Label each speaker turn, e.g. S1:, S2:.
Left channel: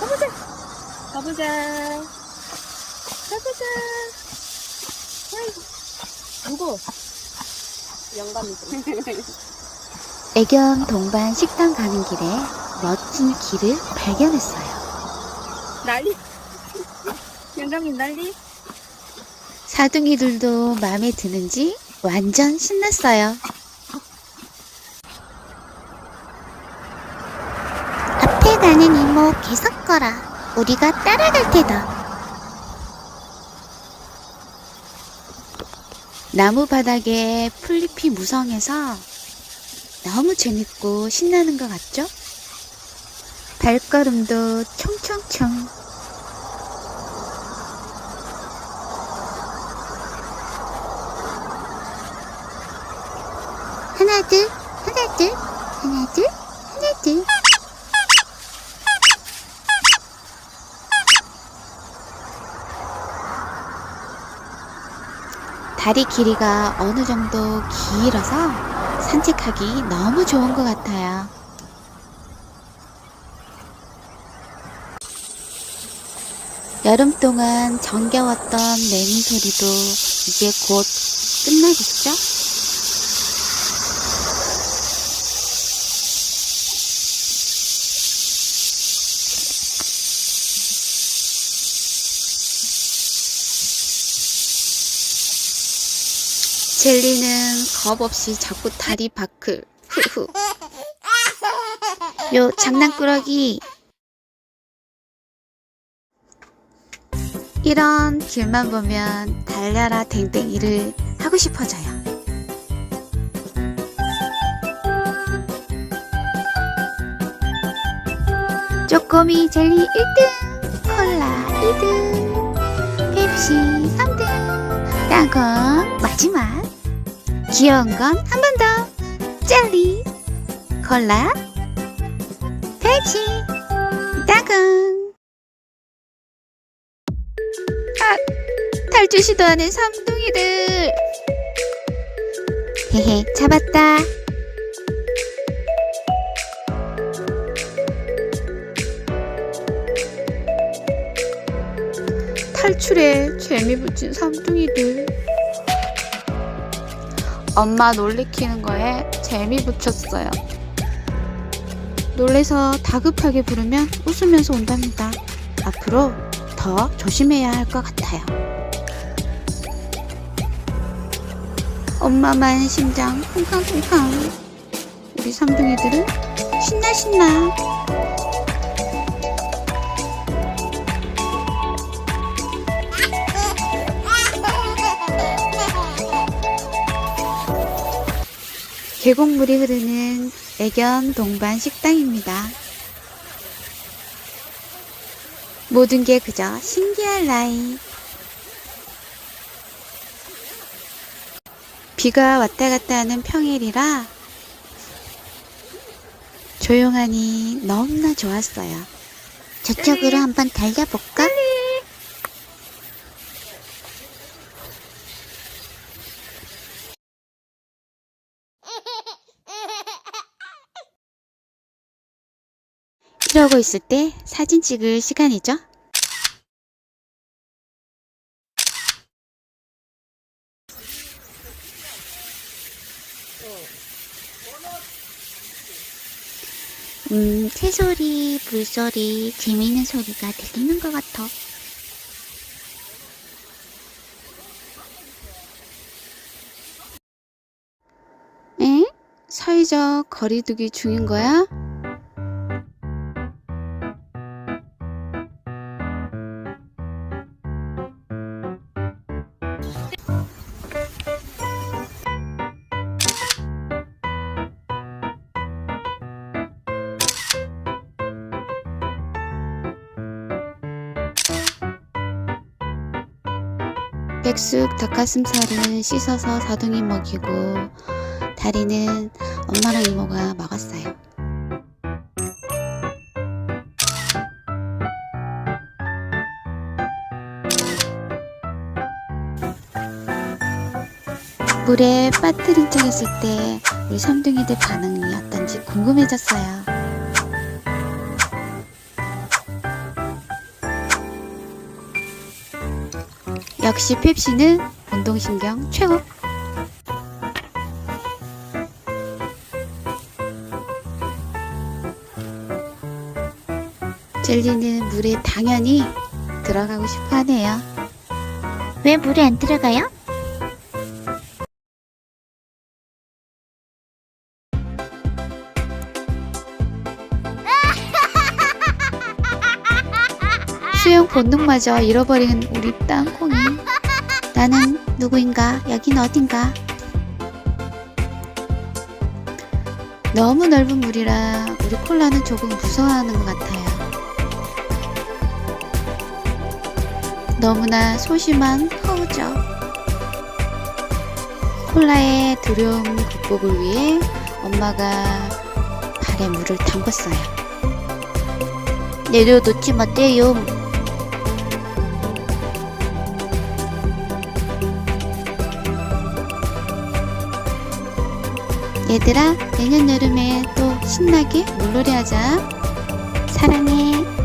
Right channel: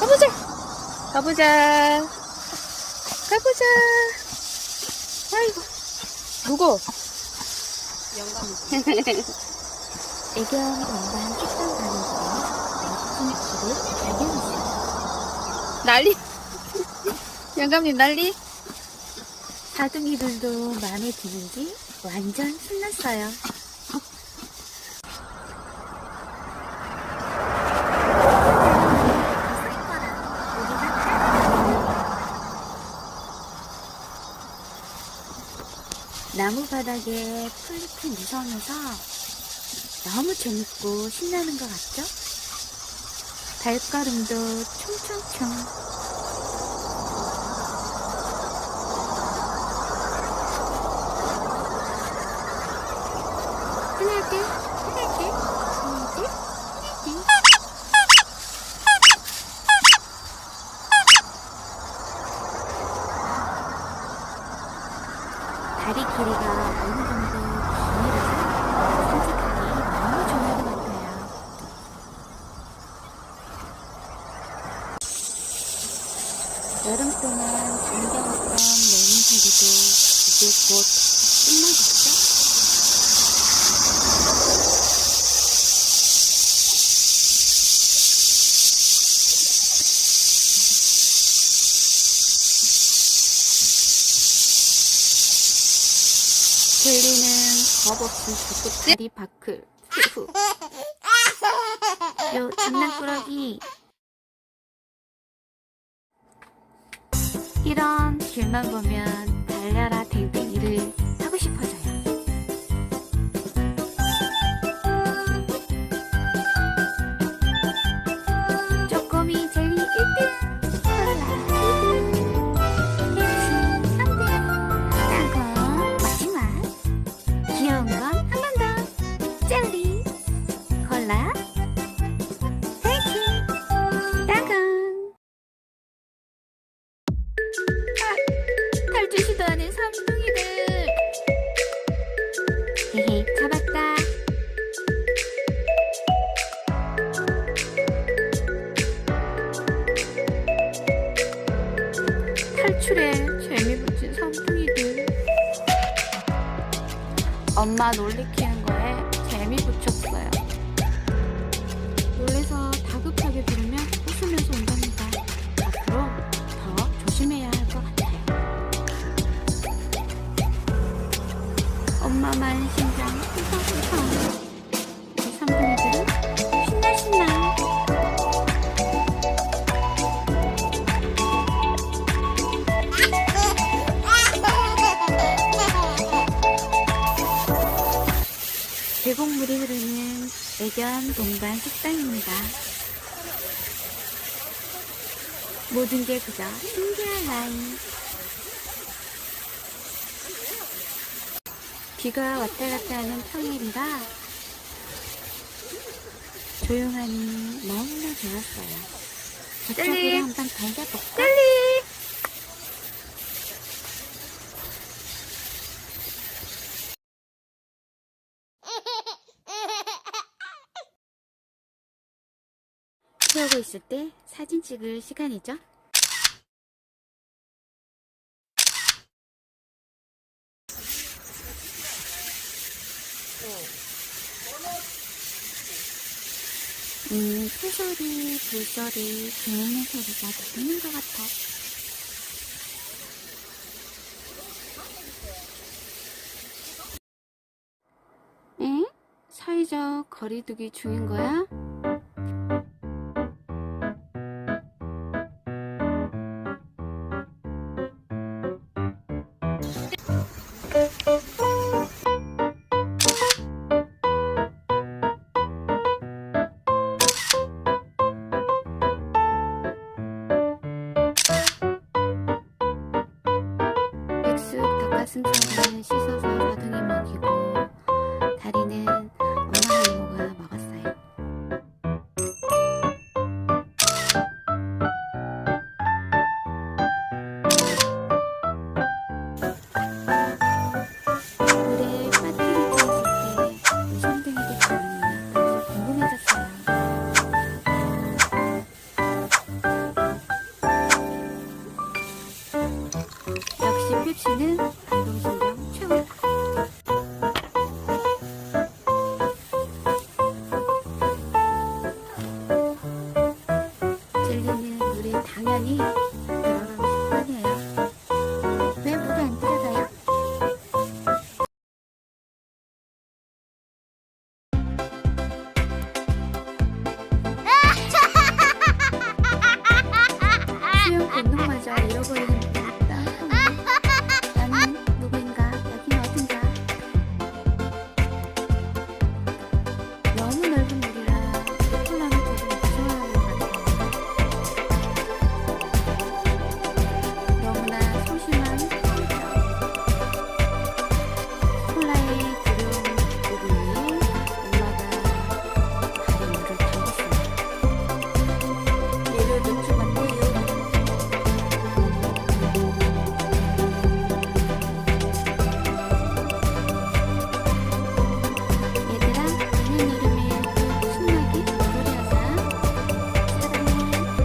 S1: 가보자. 가보자. 아이고. 누구?
S2: 영감이지.
S3: 애견 동반 식당 가는 길에 멋진 길을 발견했어요.
S1: 난리. 영감님 난리.
S3: 사둥이들도 마음에 드는지 완전 신났어요.
S4: 가는 이모 계속 거라. 우리가 따라갈 테다.
S3: 나무 바닥에 풀잎이 무성해서 너무 재밌고 신나는 것 같죠? 발걸음도 총총총.
S4: 하나 둘 하나 둘 하나 둘 하나 둘
S3: 다리 길이가 어느 정도 길어서 산책하기 너무 좋은 것 같아요. 여름 동안 정겨웠던 매미 소리도 이제 곧 끝나겠죠? 젤리는 겁 없이 자꾸 다리 밖을 후후 요 장난꾸러기. 이런 길만 보면 달려라 댕댕이를 하고 싶어져요. 쪼꼬미 젤리 1등 콜라 2등 펩시 3등 땅콩 귀여운 건 한 번 더. 젤리 콜라 펩시 땅콩 아, 탈출 시도하는 삼둥이들. 헤헤 잡았다.
S1: 탈출에 재미 붙인 삼둥이들 엄마 놀래키는 거에 재미 붙였어요.
S3: 놀래서 다급하게 부르면 웃으면서 온답니다. 앞으로 더 조심해야 할 것 같아요. 엄마만 심장 쿵쾅쿵쾅. 우리 삼둥이들은 신나 신나. 계곡물이 흐르는 애견 동반 식당입니다. 모든 게 그저 신기할 나이. 비가 왔다 갔다 하는 평일이라 조용하니 너무나 좋았어요. 저쪽으로. 한번 달려볼까? 이러고 있을 때 사진 찍을 시간이죠. 음, 새소리, 불소리, 재미있는 소리가 들리는 것 같아. 에? 사회적 거리두기 중인 거야? 백숙 닭가슴살은 씻어서 사둥이 먹이고 다리는 엄마랑 이모가 먹었어요. 물에 빠뜨린 척 했을 때 우리 섬둥이들 반응이 어떤지 궁금해졌어요. 역시 펩시는 운동신경 최고. 젤리는 물에 당연히 들어가고 싶어 하네요. 왜 물에 안 들어가요? 수영 본능마저 잃어버린 우리 땅콩이. 누구인가? 여긴 어딘가? 너무 넓은 물이라 우리 콜라는 조금 무서워하는 것 같아요. 너무나 소심한 허우죠. 콜라의 두려움 극복을 위해 엄마가 발에 물을 담궜어요. 내려놓지 못해요. 얘들아, 내년 여름에 또 신나게 물놀이 하자. 사랑해.